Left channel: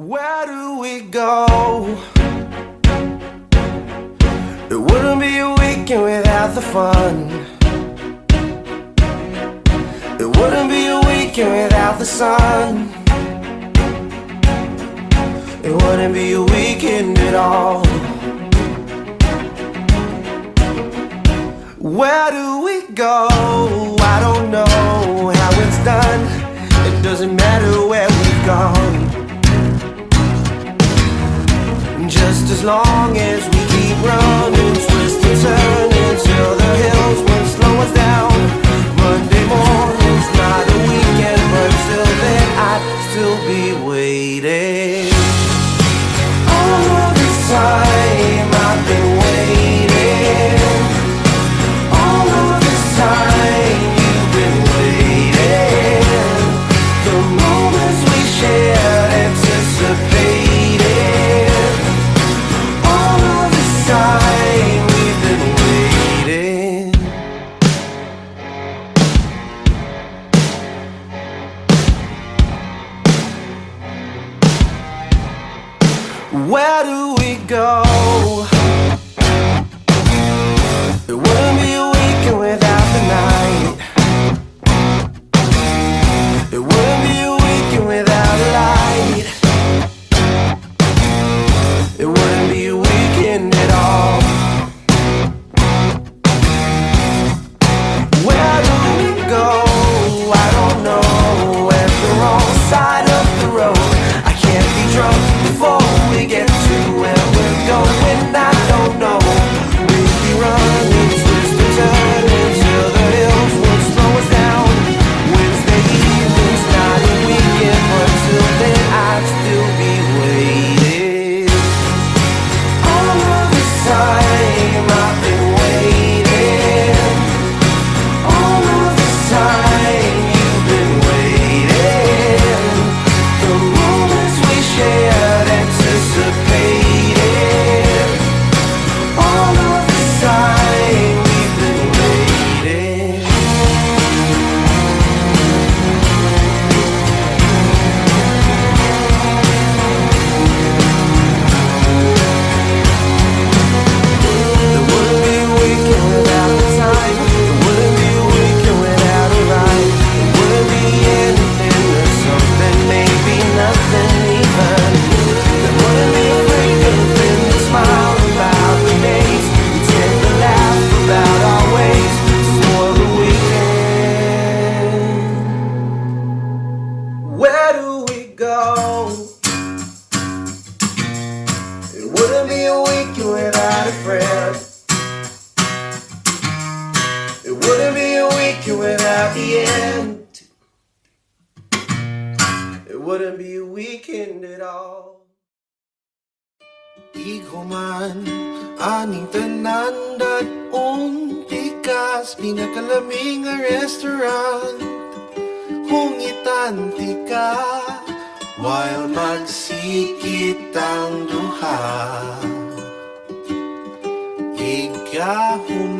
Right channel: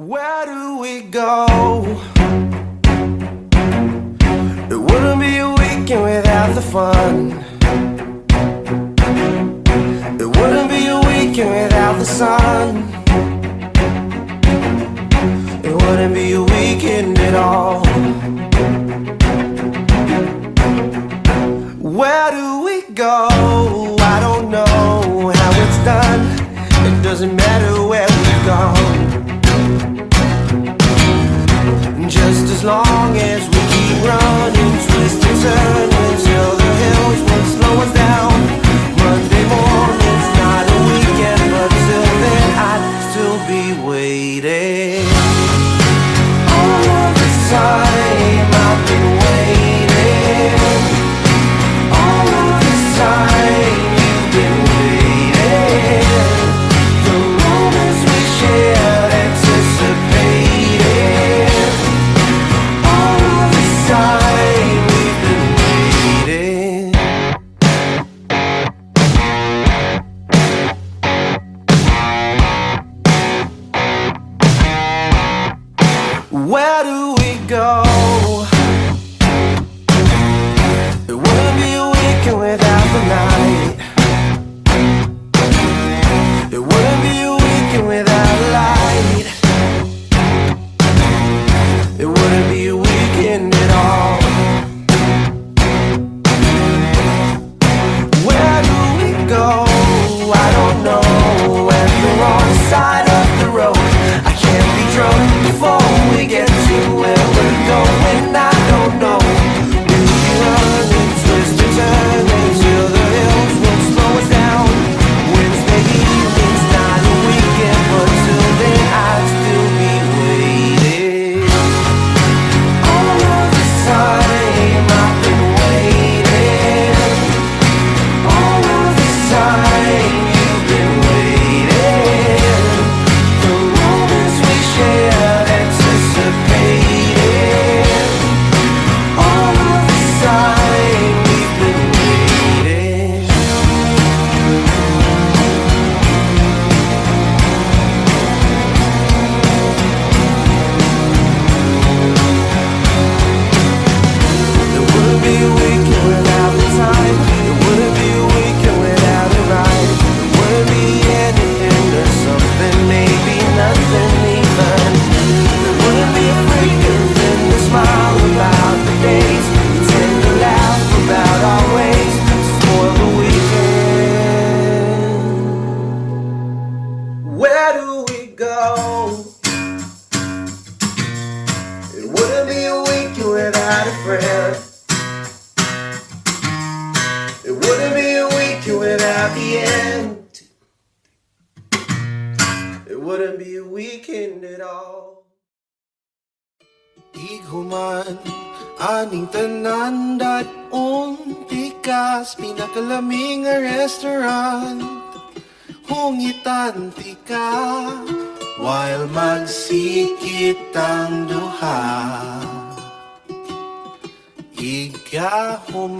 Where do we go? It wouldn't be a weekend without the fun. It wouldn't be a weekend without the sun. It wouldn't be a weekend at all. Where do we go? I don't know how it's done. It doesn't matter where we've gone, just as long as we keep running, twist and turn until the hills won't slow us down. Monday morning's not a weekend, but till then I'd still be waiting. All of this time I've been waiting. All of this time you've been waiting. The moments we shared, anticipated. All of this time we've been waiting. Where do we go? It wouldn't be a weekend without the night. It wouldn't be a weekend without a light. It wouldn't be a weekend at all. Where do we go? I don't know. At the wrong side of the road. I can't be drunk before we get to where we're going. I don't know. We'll be running, twist and turn until the hills won't slow us down. Wednesday evening's not a weekend, but till then I'd still be waiting. All of this time I've been waiting. All of this time you've been waiting. The moments we shared, anticipated. All of this time we've been waiting. It wouldn't be a weekend without the time. It wouldn't be a weekend without a ride. It wouldn't be anything or something, maybe nothing even. There wouldn't be a freaking thing to smile about the days. We tend to laugh about our ways to spoil the weekend. Where do we go? It wouldn't be a weekend without a friend. It wouldn't be a weekend without the end. It wouldn't be a weekend at all. Iguman, aning tanan dat untikas, pinakalaming nga restaurant. Hungitan ti ka, while magsikit ang duha. Igahuman,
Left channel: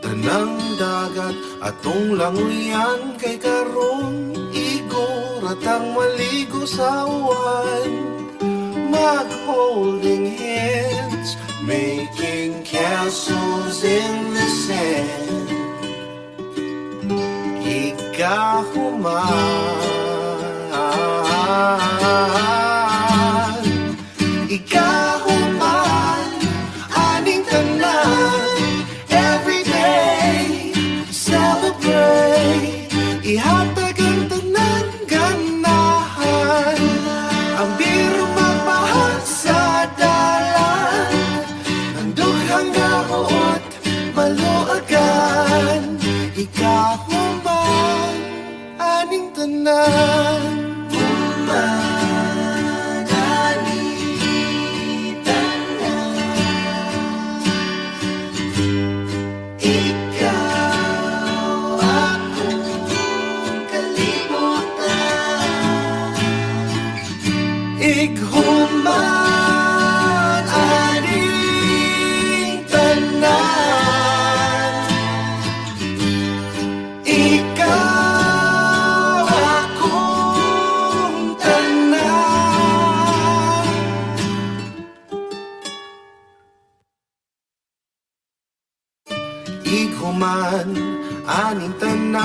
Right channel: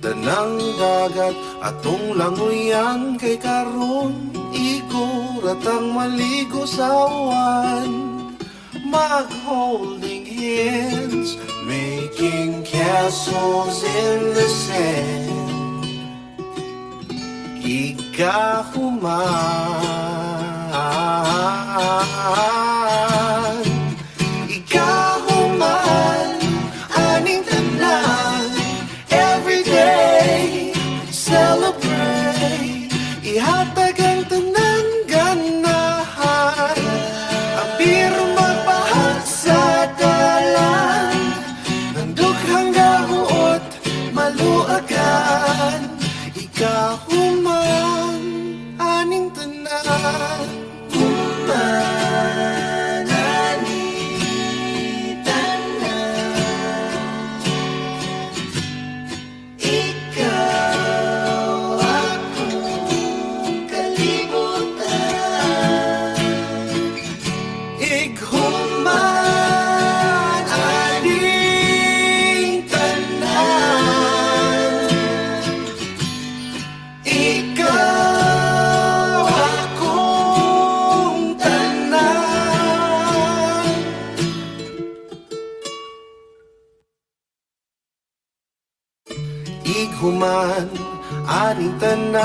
tanang dagat atong languyan kay karon iguratang maligo sa uwan. Mag-holding hands, making castles in the sand. Igahuman, igahuman, aning tanan. Every day, celebrate. Ihatag ang tanan ganahan. Ang biro magpahal sa dalan. Ang dughang gahuot, maluagan. Ikahuman, aning tanan.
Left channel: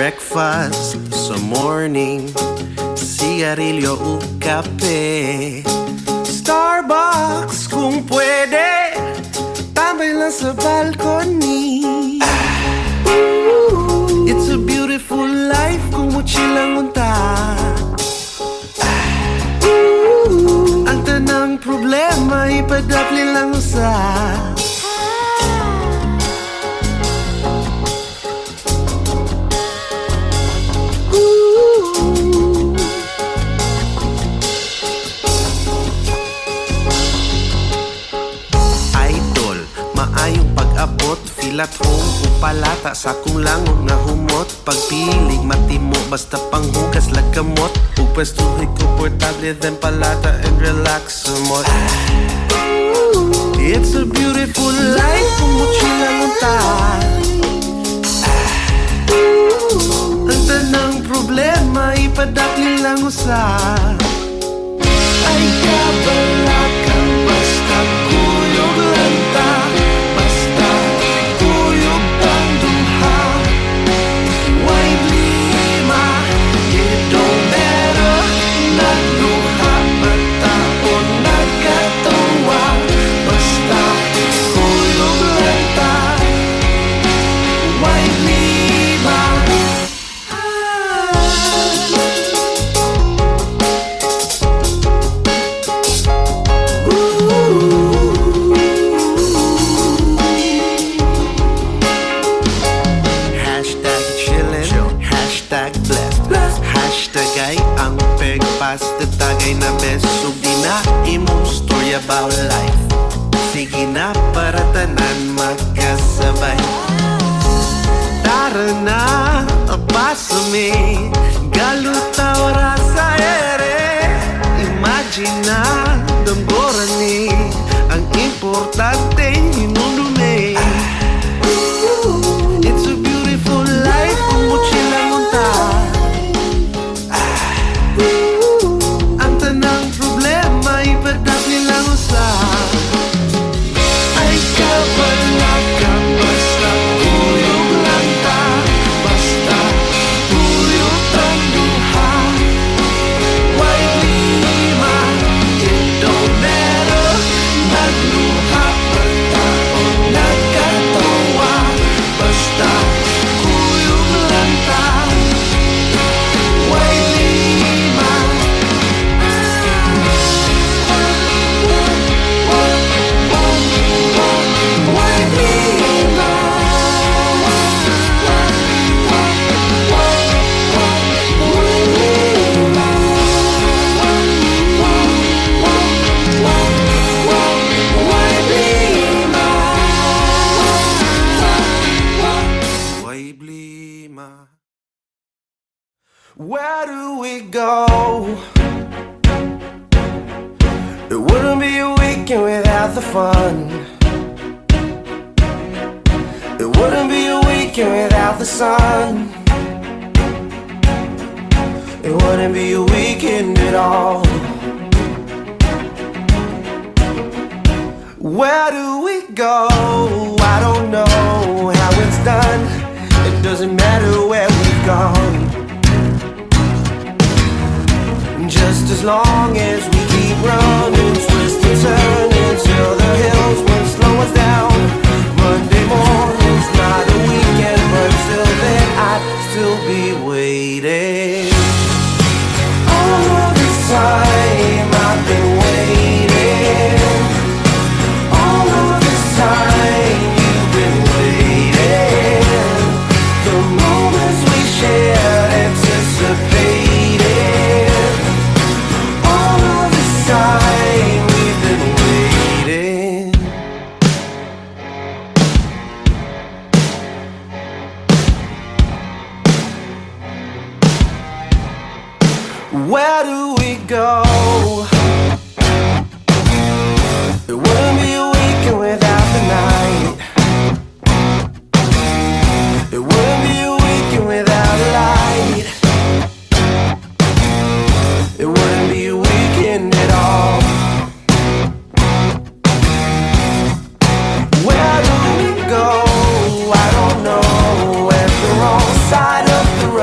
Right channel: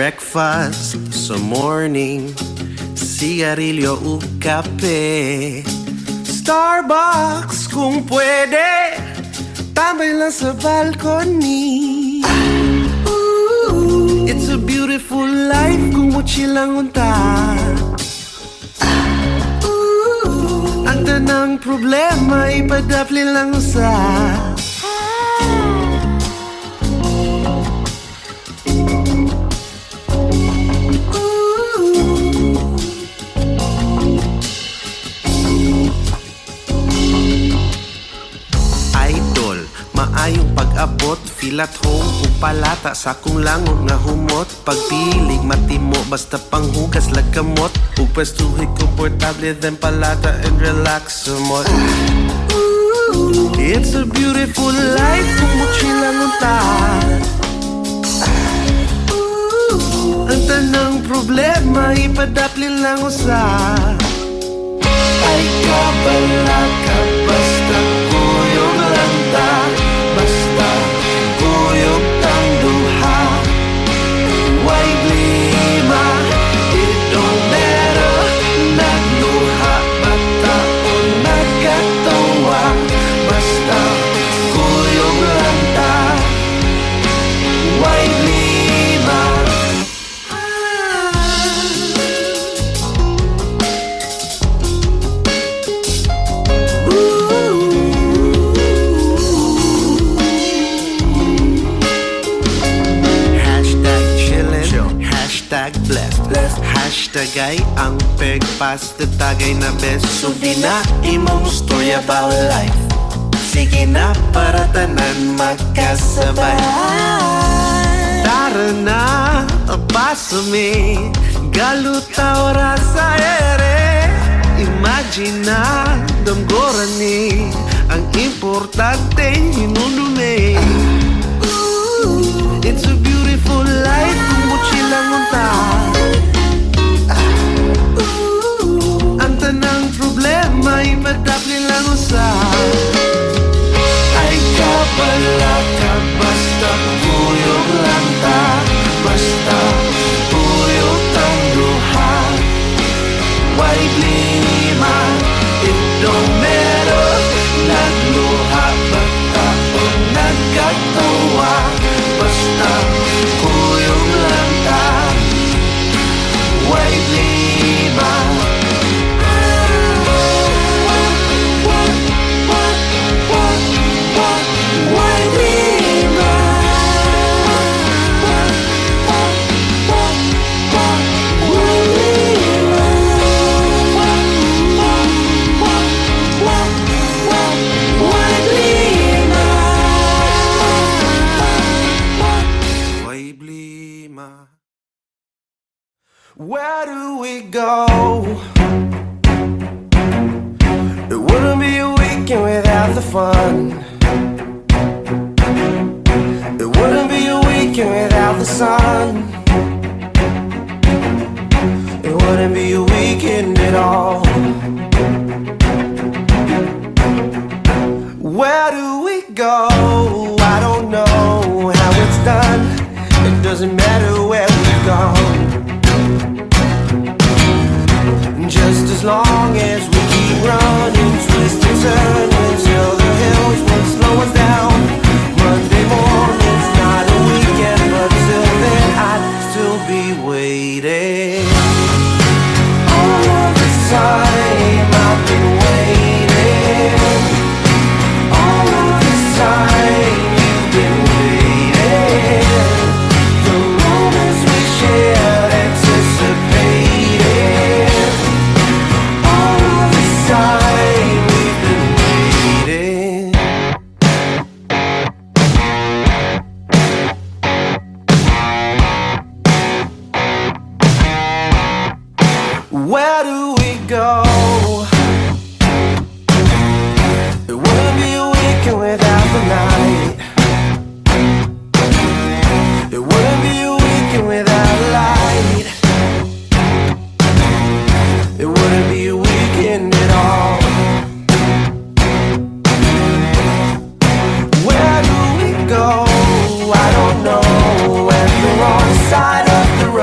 breakfast sa morning, sigarilyo o kape. Starbucks kung pwede, tambay lang sa balcony. It's a beautiful life kung chill lang unta. Ang tanang problema ipadapli lang sa idol, maayong pag-abot, feel at home upalata sa kung langon nga humot. Pagpilig matimo basta panghugas lagkamot, ug pwestuhi komportable then palata and relax somot. It's a beautiful life kung chill lang unta. Ang tanang problema ipadapli lang usa. Ay kabala ka basta kuyog lang ta, basta kuyog tang duha. Why blima, it don't matter. Nagluha bata o nagkatawa, basta kuyog lang ta. Why blima. Hashtag ay ang pagpasta tagay na best. So di na imong story about life. Sige na para tanan magkasabay. Tara na, pasame, galutaw ra sa ere. Imagine na, damgoran ni ang importante hinunumi. It's a beautiful life kung chill lang unta. Ang problema ipadapli lang usa. Ay kabala ka basta kuyog lang ta, basta kuyog tang duha. Why blima, it don't matter. Nagluha bata o nagkatawa, basta kuyog lang ta. Why blima. Where do we go? It wouldn't be a weekend without the fun. It wouldn't be a weekend without the sun. It wouldn't be a weekend at all. Where do we go? I don't know how it's done. It doesn't matter where we've gone, just as long as we keep running, twist and turn until the hills won't slow us down. Monday morning's not a weekend, but till then I'd still be waiting. All of this time I've been waiting. All of this time you've been waiting. The moments we shared, anticipated. All of this time we've been waiting. Where do we go? It wouldn't be a weekend without the night. It wouldn't be a weekend without a light. It wouldn't be a weekend at all. Where do we go? I don't know. At the wrong side of the road,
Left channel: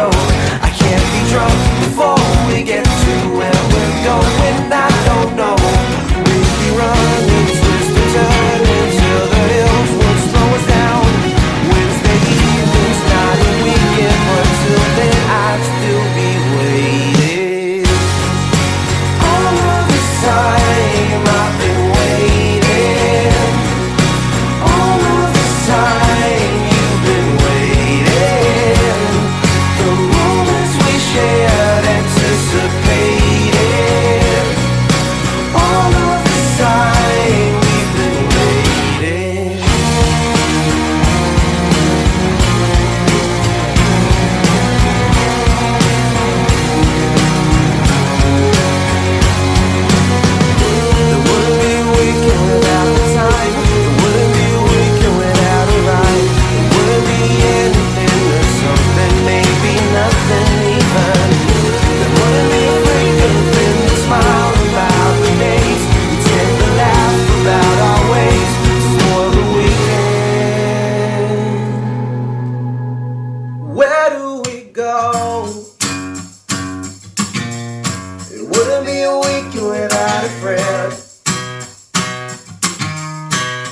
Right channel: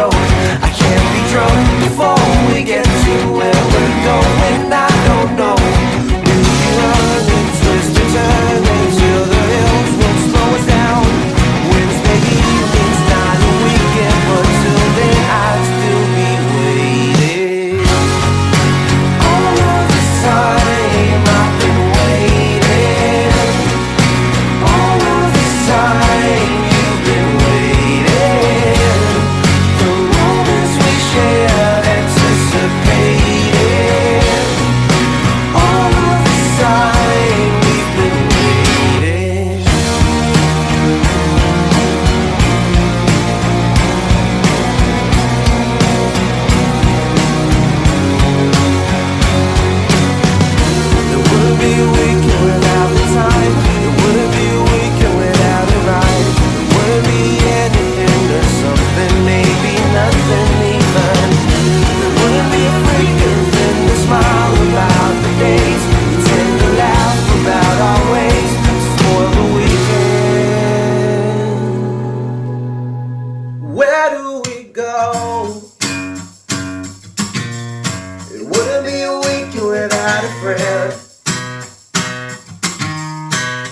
wouldn't be a weekend without a friend.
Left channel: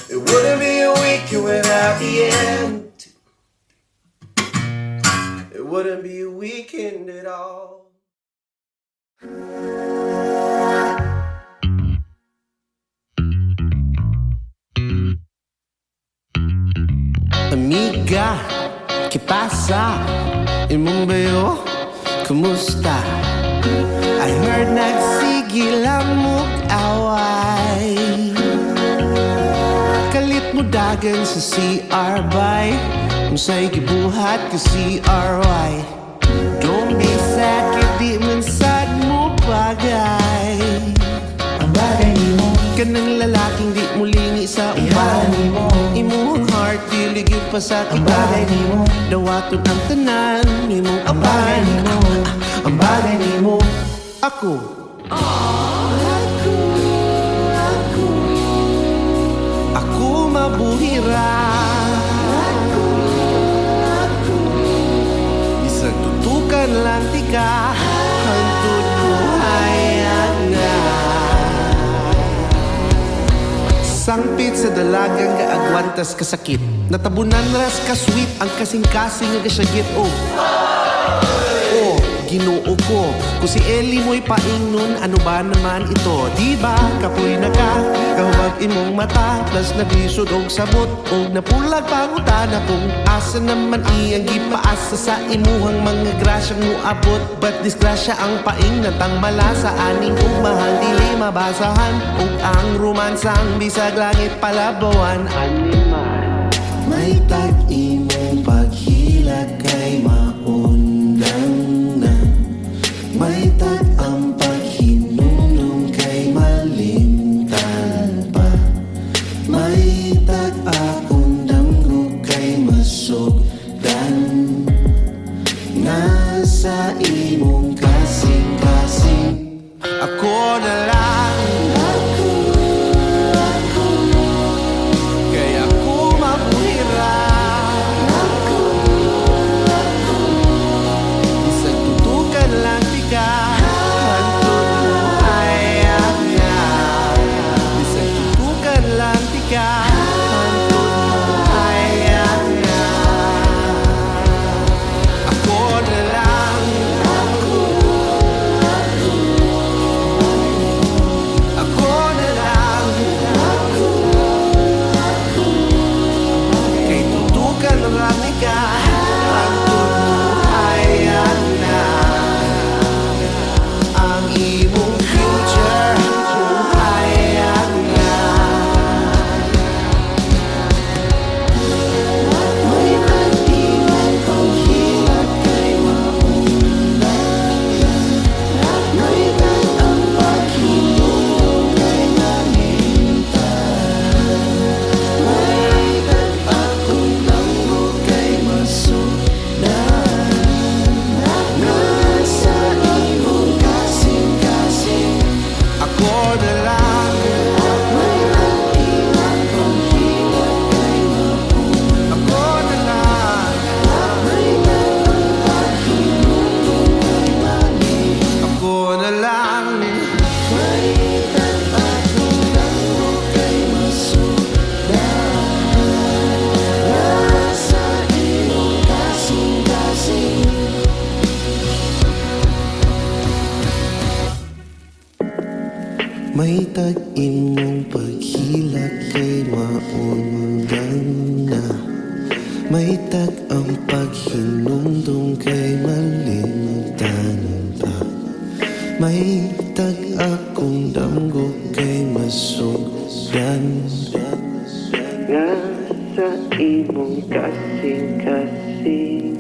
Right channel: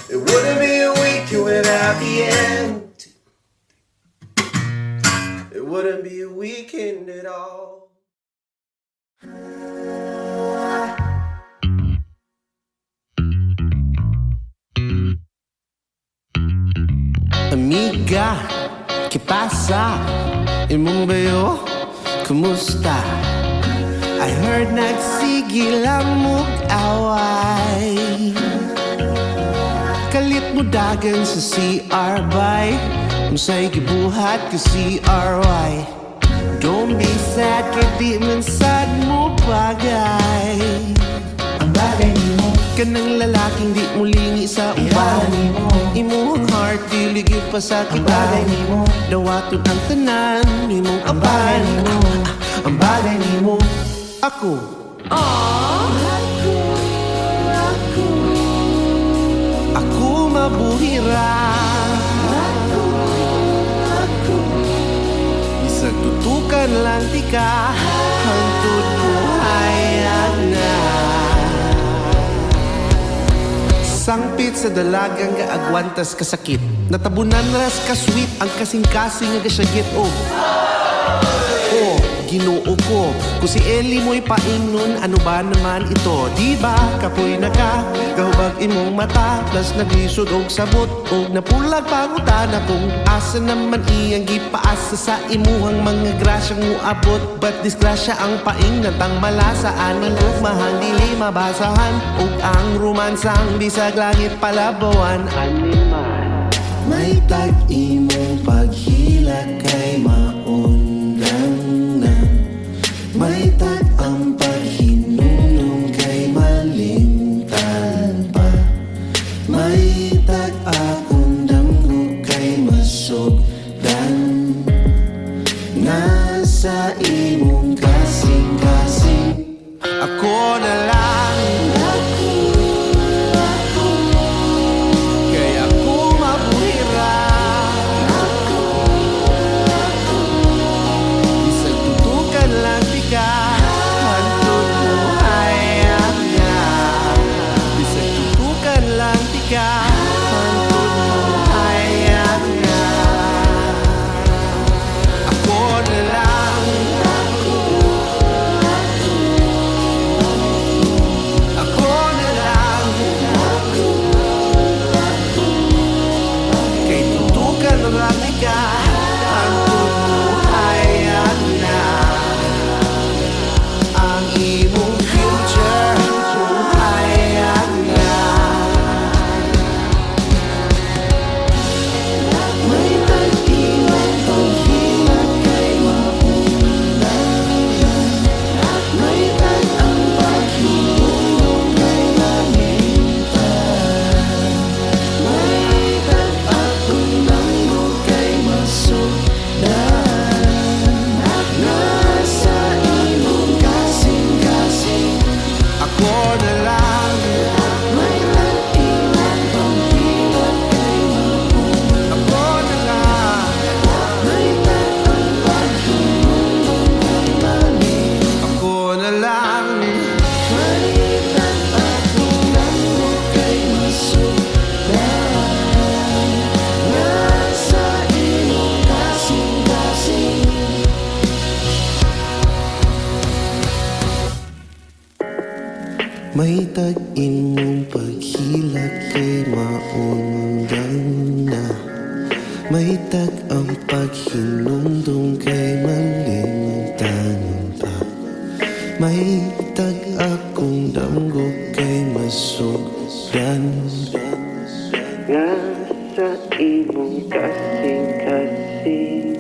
It wouldn't be a weekend without the end. It wouldn't be a weekend at all. Amiga, ¿qué pasa? Imong bayo, kumusta? I heard nagsigil ang mug-away. Kalit mo dagan sa CR by Musa'y gibuhat ka CRY. Don't be sad, kaya man sad mo bagay. Ang bagay ni mo kanang lalaking di mo lingi sa uban. Imuhang heart, diligid pa sa kita. Ang bagay ni mo dawaton ang tanan. Imong apan. Ang bagay ni mo ako. Ako mabuhira. Bisag tutukan lang tika. Hantod buhayag na. Sangpit sa dalagang gaagwantas kasakit. Natabunan ras kasweet ang kasing-kasing nga gasyagit. Ginoo ko, kung si Ellie mo'y paingnon, ano ba naman ito? Diba, kapoy na ka, kahubag imong mata, plus naglisod og sabot, og napulag pangutana kung asa naman iyang gipaasa sa imuhang mga grasyang muabot. But disgrasya ang paingnan tang malasa, aning ugmahang dili mabasahan, og ang romansang bisag langit palabawan. Animal, may tag-imong paghila kay maundang. May tag ang paghinunong kay malimtan pa. May tag akong damgo kay masugdan. Nasa imong kasing-kasing. Ako na lang. Kaya ako mabuhira. Bisag tutukan lang hantod buhayag na. Bisag tutukan lang tika. Hantod buhayag na. Ako na lang. Ako na lang. Kay tutukan lang tika. Hantod buhayag na. Ang imong future, buhayag na. May tag-imong paghilat kay maundan. May tag ang paghinunong kay mamintan. May tag akong damgo kay masugdan. Nasa imong kasing-kasing. Ako na lang. May tag-iwan panghilat kay maundan. Ako na lang. May tag ang paghinunong kay mamin. Ako na lang. May tag akong damgo kay masugdan. Nasa imong kasing-kasing. May tag-imong paghilak kay maundan na. May tag ang paghinumdum kay malimtan pa. May tag akong damgo kay masugdan. Nga sa imong kasing-kasing.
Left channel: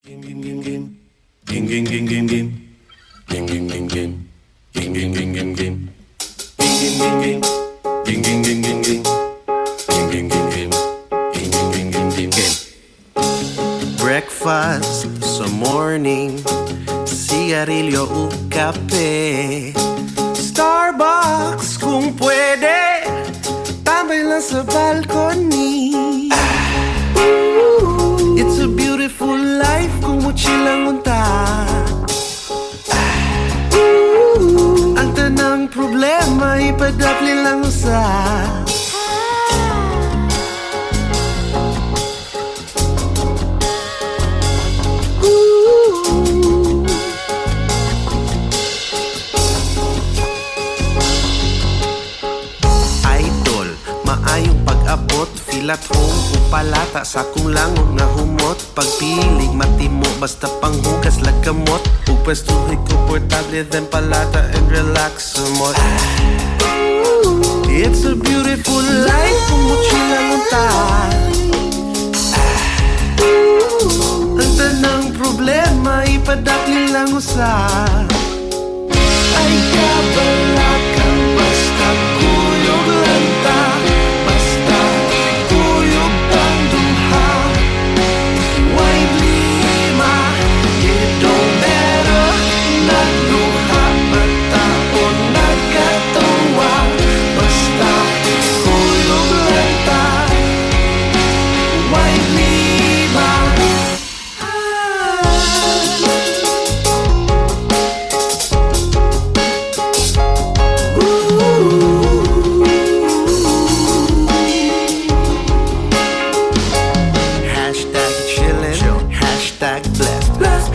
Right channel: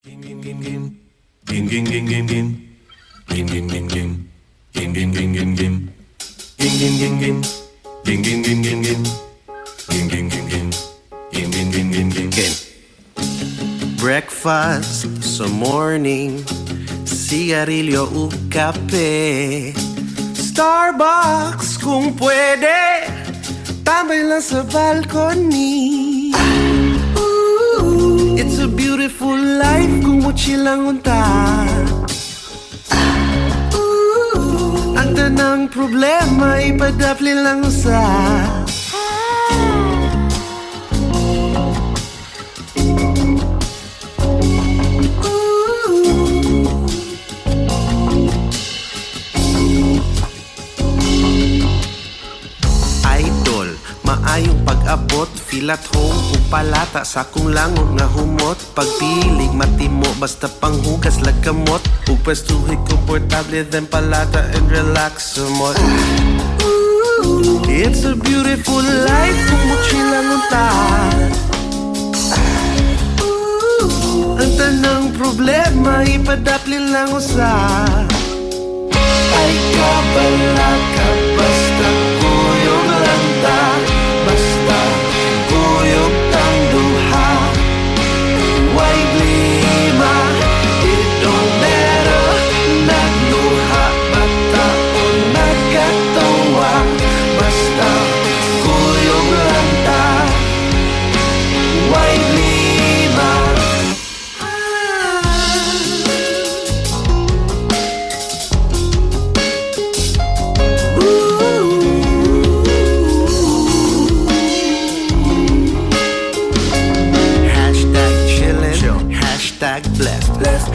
Game, game, game, game, game. Game, game, game, game. Game, game, game, game, game. Game, game, game, game. Game, game, game, game, game. Game, game, game, game. Game, game, game, game, game, game. Breakfast sa morning, sigarilyo o kape. Starbucks kung pwede, tambay lang sa balcony. It's a beautiful silang unta. Ang tanang problema ipadapli lang sa idol, maayong pag-abot, filat home upalata sa kung langon nga humot. Pagpiling matimo basta panghugas lagkamot. Ug pwestuhi komportable then palata and relax somot. It's a beautiful life kung mochila lunta. Ang tanang problema ipadapli lang usa. Ay kabala ka basta kuyog lang ta. Basta kuyog tang duha. Why blima? It don't matter. Nagluha bata o nagkatawa. Basta kuyog lang ta. Why blima?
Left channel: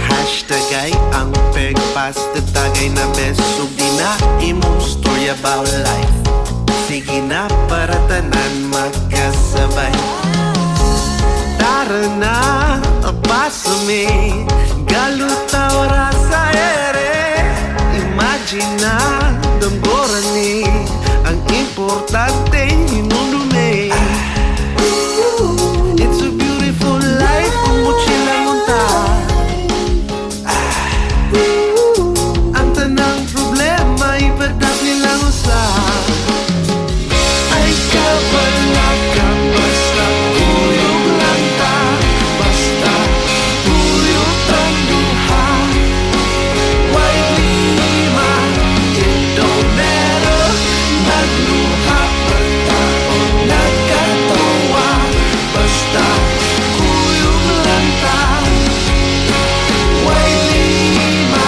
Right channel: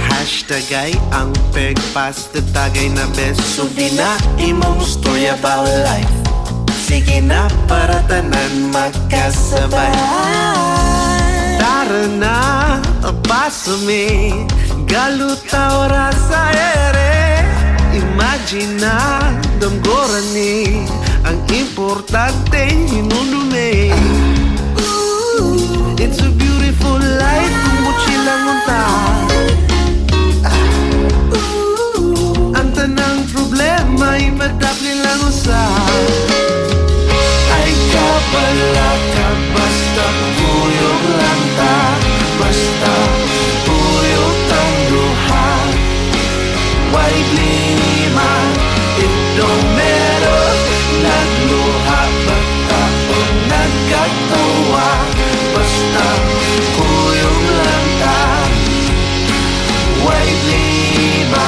Hashtag ay ang pagpas tagay na best. So di na imong story about life. Sige na para tanan magkasabay. Tara na, pasame. Galutaw ra sa ere. Imagine na, damgoran ni. Ang importante, hinundume. It's a beautiful life kung mochilang unta. Tanang problema ipadapli lang usa. Ay kabala ka basta kuyog lang ta. Basta kuyog tang duha. Why blima? It don't matter. Nagluha bata o nagkatawa. Basta kuyog lang ta. Why blima?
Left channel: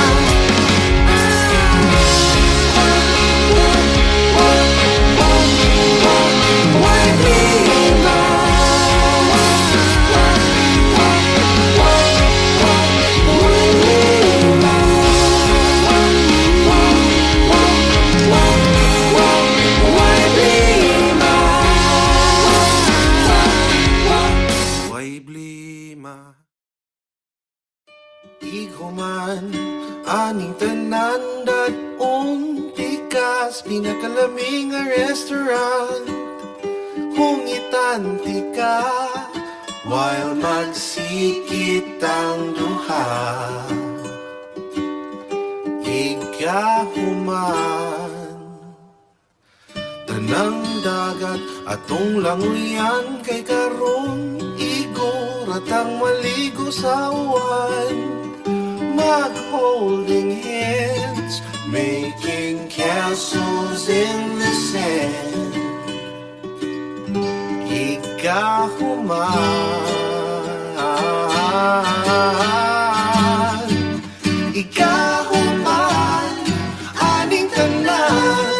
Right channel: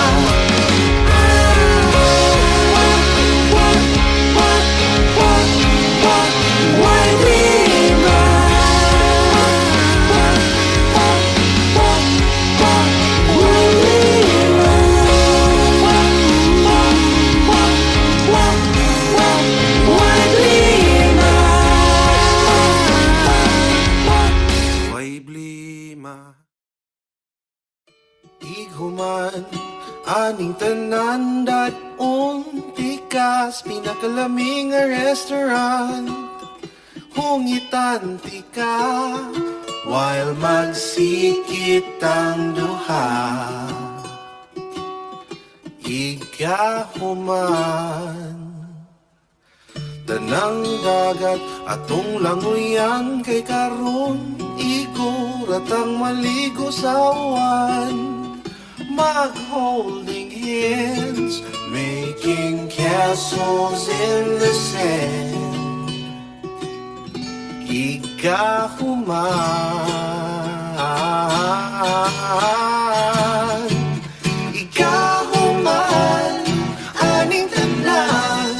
Ighuman aning tanan dat-on tikas pinakalaming nga restaurant. Hungitan tika while magsikit ang duha. Igahuman tanang dagat atong languyan kay karon iguratang maligo sa uwan. Mag-holding hands, making castles in the sand. Igahuman, igahuman, aning tanan.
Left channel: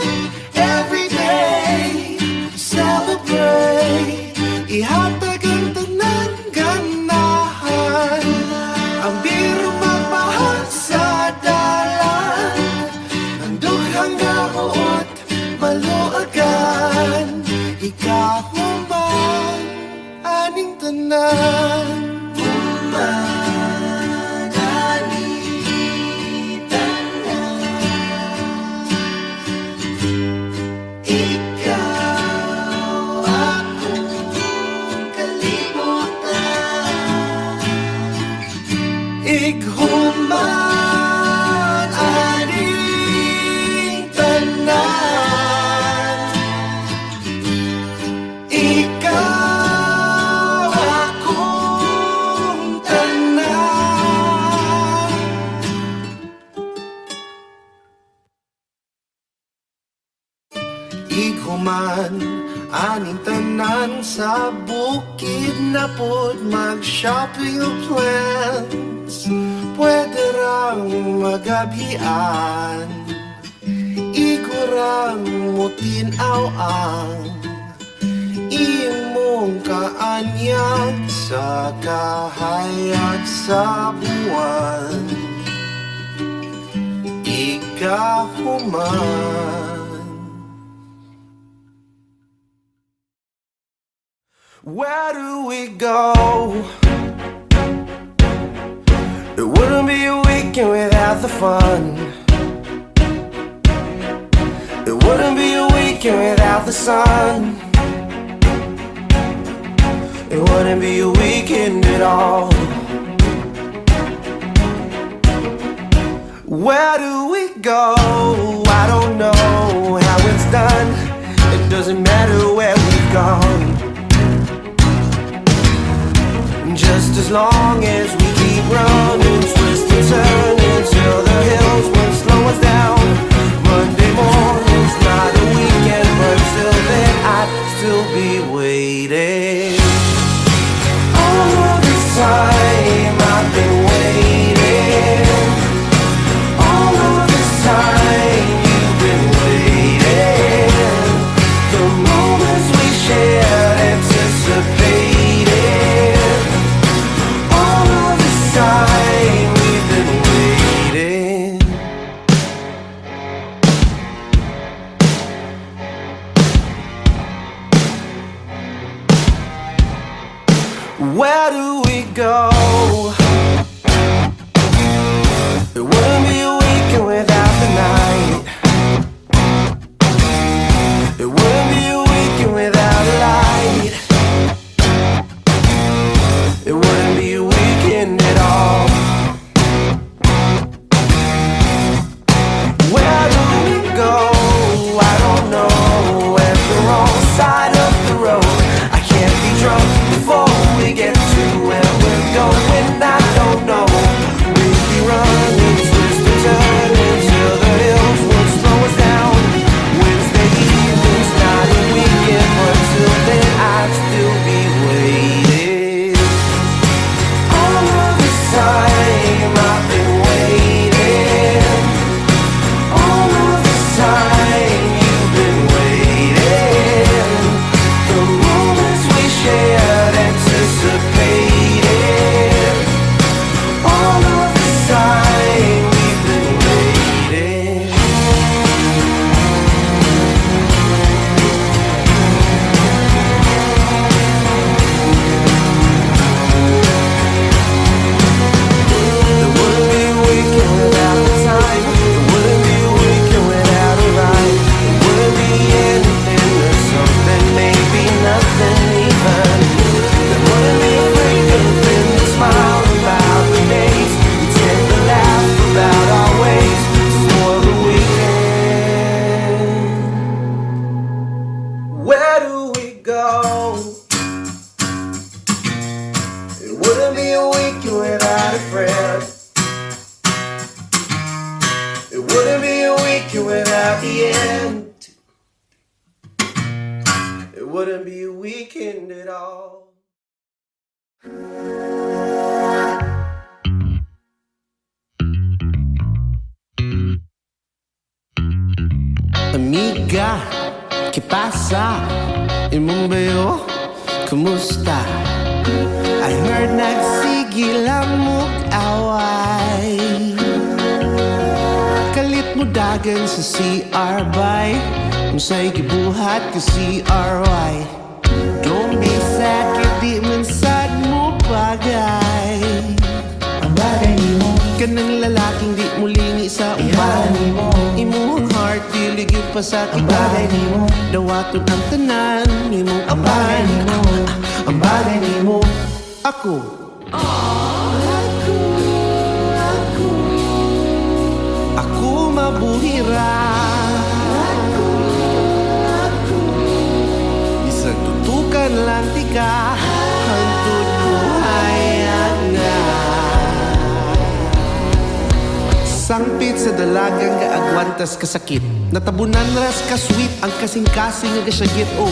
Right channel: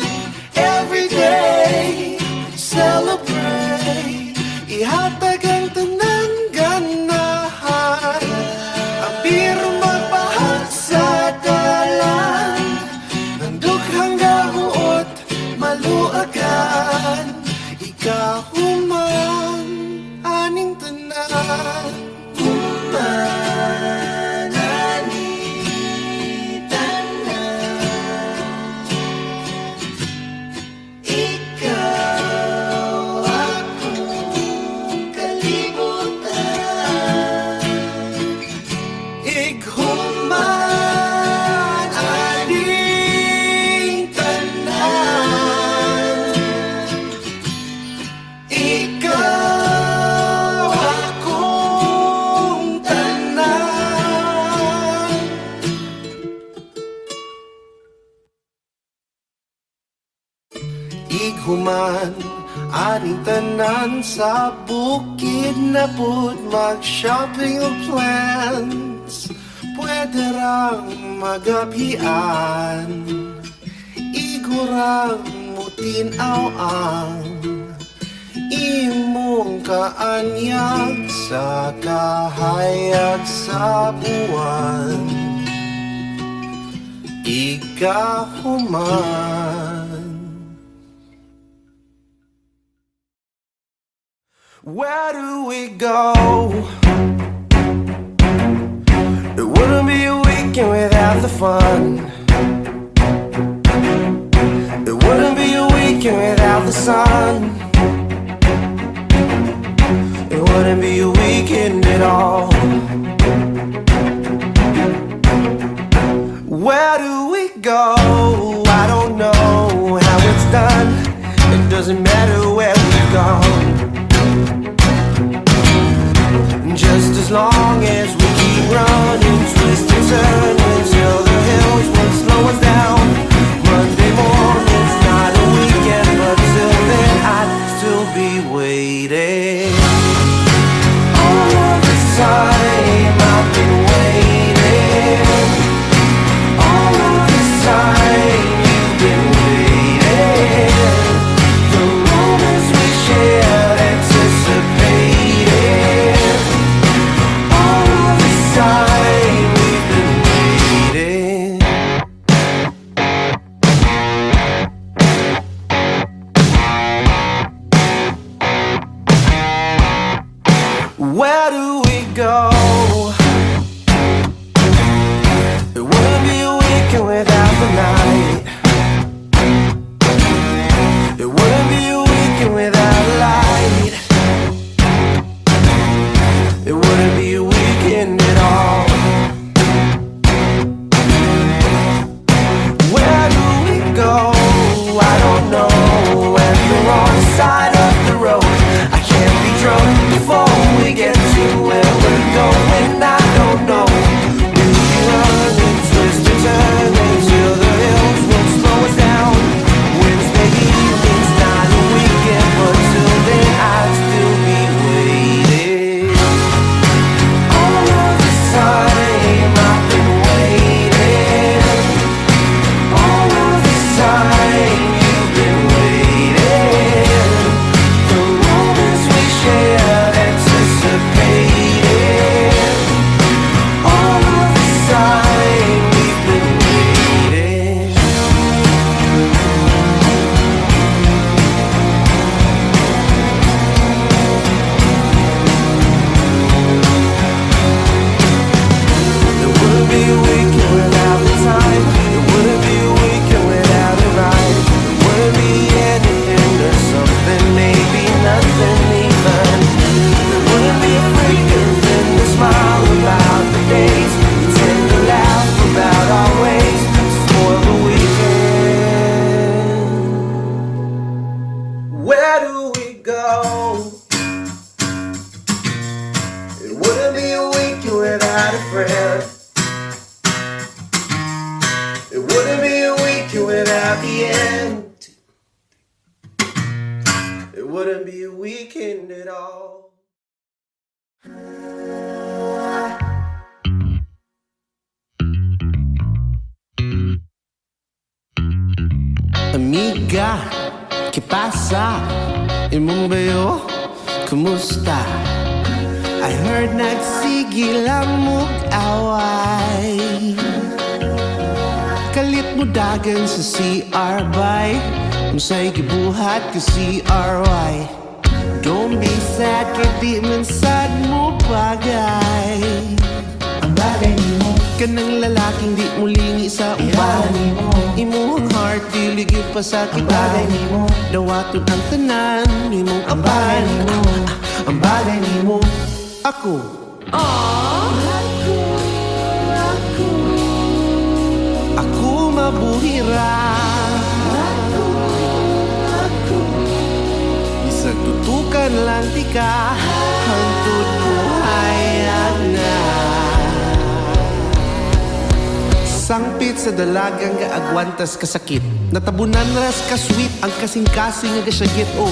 Every day, celebrate. Ihatag ang tanan ganahan. Ang biro magpahal sa dalan. Ang dughang gahuot, maluagan. Ikahuman, aning tanan. Human, aning tanan. Ikaw akong kalibutan. Ighuman, aning tanan. Ikaw akong tanan. Ighuman, aning tanan sa bukid na pud mag-shopping o plan. pwede rang magabhian, igurang mutinaw ang imong kaanyag sa kahayag sa buwan. Ikahuman. Where do we go? It wouldn't be a weekend without the fun. It wouldn't be a weekend without the sun. It wouldn't be a weekend at all. Where do we go? I don't know how it's done. It doesn't matter where we've gone. Just as long as we keep running, twist and turn until the hills won't slow us down. Monday morning's not a weekend, but till then I'd still be waiting. All of this time I've been waiting. All of this time you've been waiting. The moments we shared, anticipated. All of this time we've been waiting. Where do we go? It wouldn't be a weekend without the night. It wouldn't be a weekend without a light. It wouldn't be a weekend at all. Where do we go? I don't know. At the wrong side of the road. I can't be drunk before we get to where we're going. I don't know. We'll be running, twist and turn until the hills won't slow us down. Wednesday evening's not a weekend, but till then I'd still be waiting. All of this time I've been waiting. All of this time you've been waiting. The moments we shared, anticipated. All of this time we've been waiting. It wouldn't be a weekend without the time. It wouldn't be a weekend without a ride. It wouldn't be anything or something, maybe nothing even. There wouldn't be a freaking thing to smile about the days. We tend to laugh about our ways to spoil the weekend. Where do we go? It wouldn't be a weekend without a friend. It wouldn't be a weekend without the end. It wouldn't be a weekend at all. Amiga, ¿qué pasa? Imong bayo, kumusta? I heard nagsigil ang mug-away. Kalit mo dagan sa CR by Musa'y gibuhat ka CRY. Don't be sad, kaya man sad mo bagay. Ang bagay ni mo kanang lalaking di mo lingi sa uban. Imuhang heart, diligid pa sa kita. Ang bagay ni mo dawaton ang tanan. Imong apan. Ang bagay ni mo ako. Ako mabuhira. Bisag tutukan lang tika. Hantod buhayag na. Sangpit sa dalagang gaagwantas kasakit. Natabunan ras ka sweet ang kasing-kasing nga gasyagit. Oh,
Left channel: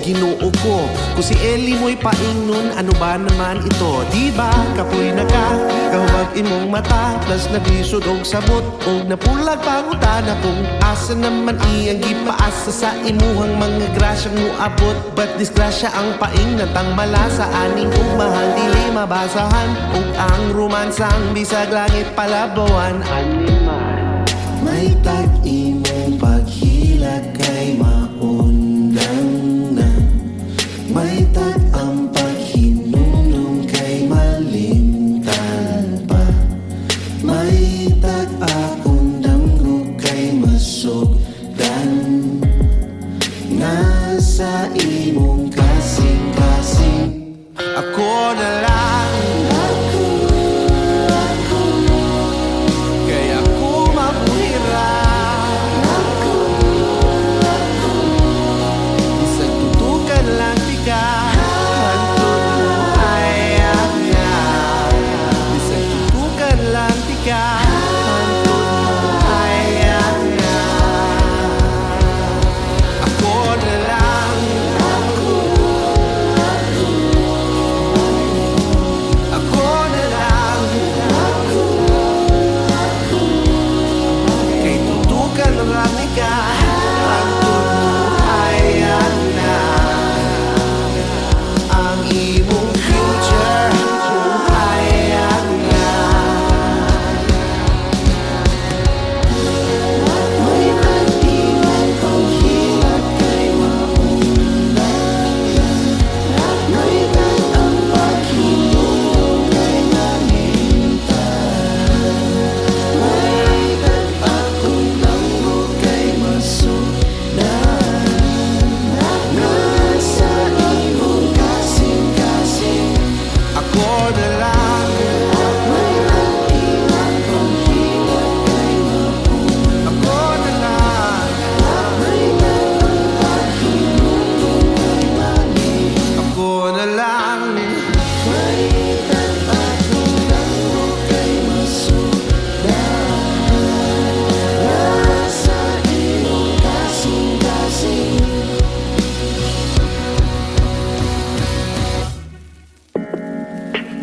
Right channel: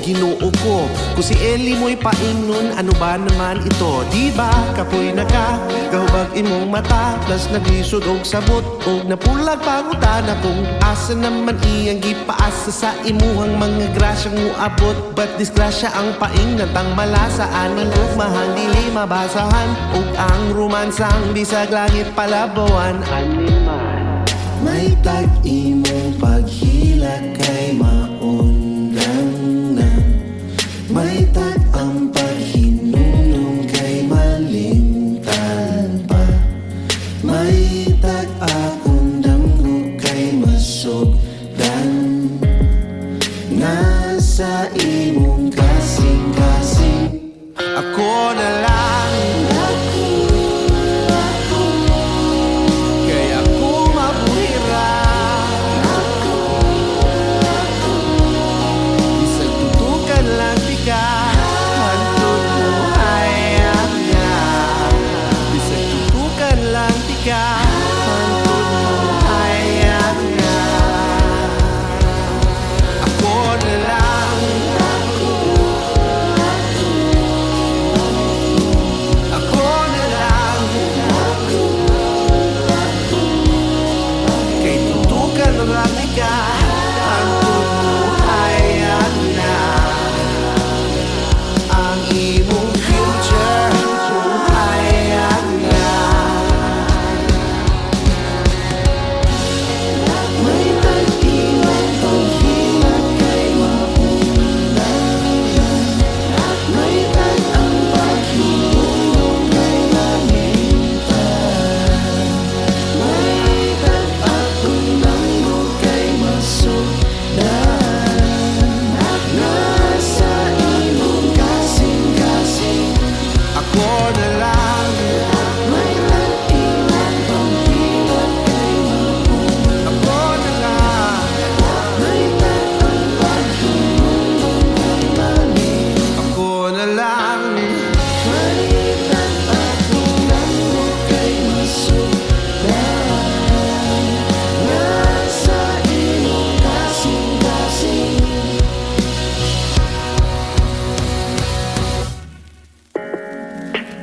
Ginoo ko. Kung si Eli mo'y paingnon, ano ba naman ito? Diba, kapoy na ka, kahubag imong mata, plus naglisod og sabot, og napulag pangutana kung asa naman iyang gipaasa sa imuhang mga grasyang muabot. But disgrasya ang paingnan tang malasa, aning ugmahang dili mabasahan, ug ang romansang bisag langit palabawan. Animal, may tag-imong paghila kay maundang na, may tag-ang paghinunong kay malimtan pa, may tag-akong damgo kay masugdan. Nasa imong kasing-kasing ako na lang. Kaya ako mabuhira, isang tutukan lang tika, hantod mo hayag na. Isang tutukan lang tika, hantod mo hayag na. Ako na lang. Ako na lang. Kay tutukan lang ika, hantod mo hayag na. Ang imong future hayag na. May tag-imong paghilat kay maundan, may tag-ang paghinunong kay malimtan, may tag-akong damgo kay masugdan. Nasa imong kasing-kasing ako na lang. May tag-imong paghilat kay maundan, ako na lang. May tag-ang paghinunong kay malimtan, ako na lang. May tag-akong damgo kay masugdan. Nasa imong kasing-kasing.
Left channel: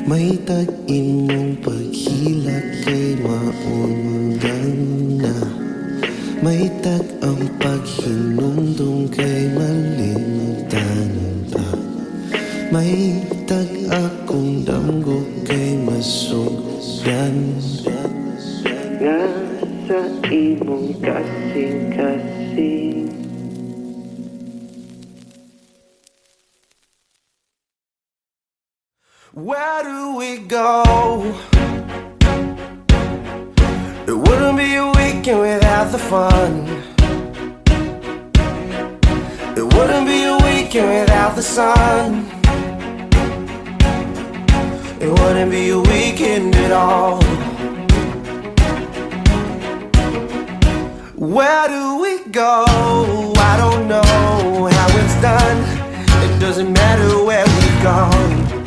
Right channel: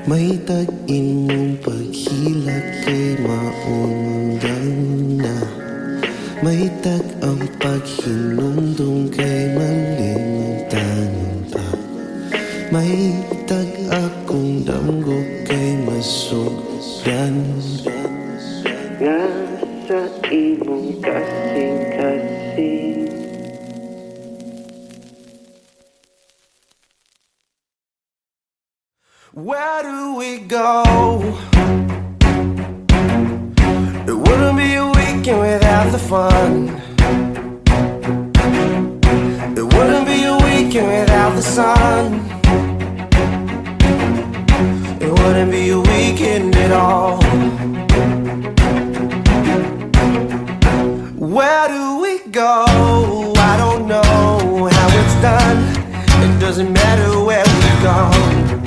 May tag-imong paghilak kay maundan na, may tag-ang paghinumdum kay malimtan pa, may tag-akong damgo kay masugdan. Nga sa imong kasing-kasing. Where do we go? It wouldn't be a weekend without the fun. It wouldn't be a weekend without the sun. It wouldn't be a weekend at all. Where do we go? I don't know how it's done. It doesn't matter where we've gone,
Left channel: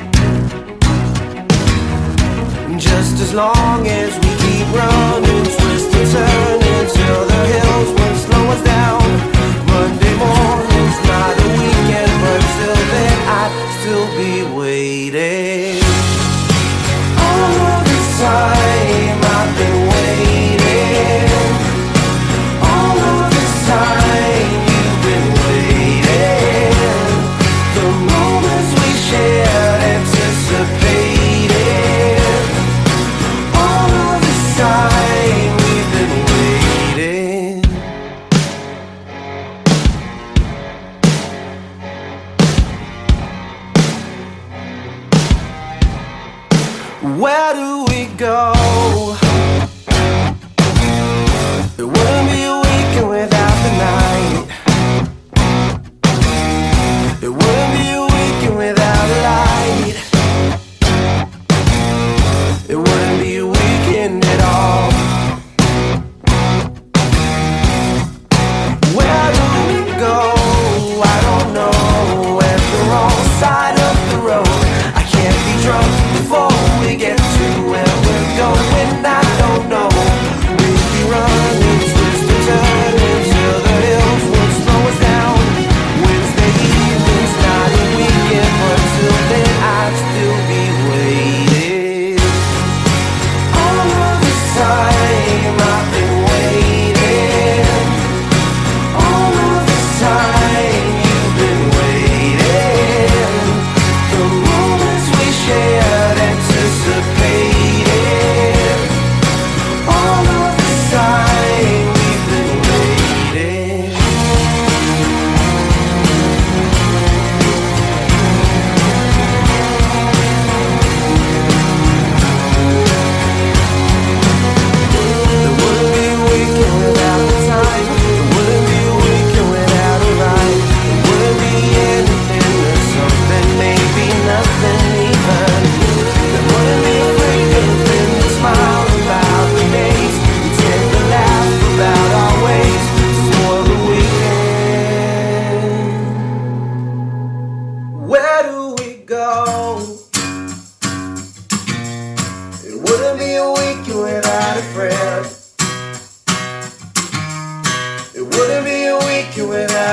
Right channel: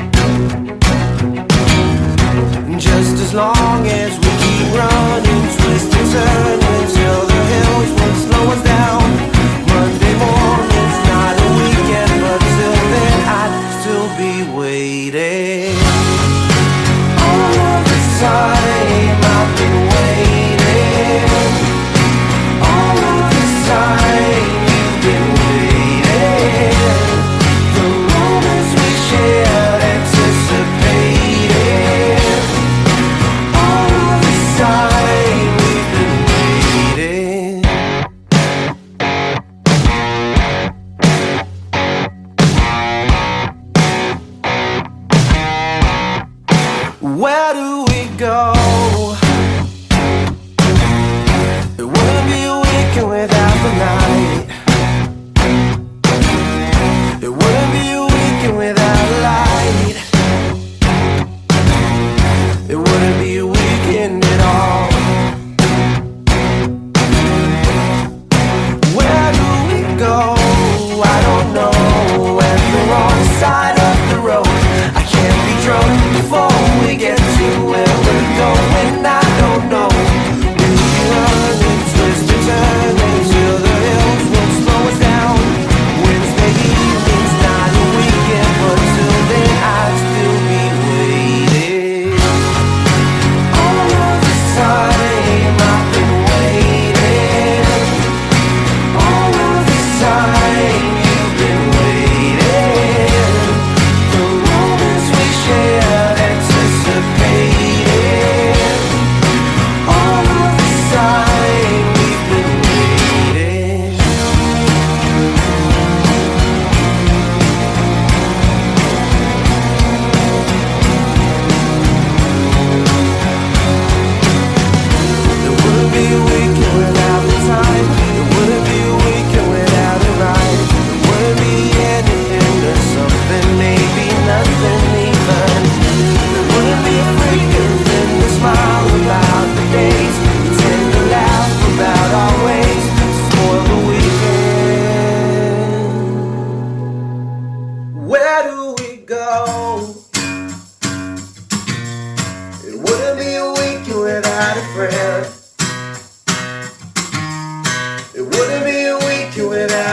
just as long as we keep running, twist and turn until the hills won't slow us down. Monday morning's not a weekend, but till then I'd still be waiting. All of this time I've been waiting. All of this time you've been waiting. The moments we shared, anticipated. All of this time we've been waiting. Where do we go? It wouldn't be a weekend without the night. It wouldn't be a weekend without a light. It wouldn't be a weekend at all. Where do we go? I don't know. At the wrong side of the road. I can't be drunk before we get to where we're going. I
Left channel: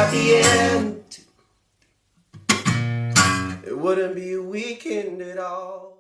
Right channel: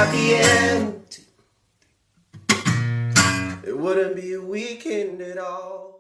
at the end, it wouldn't be a weekend at all.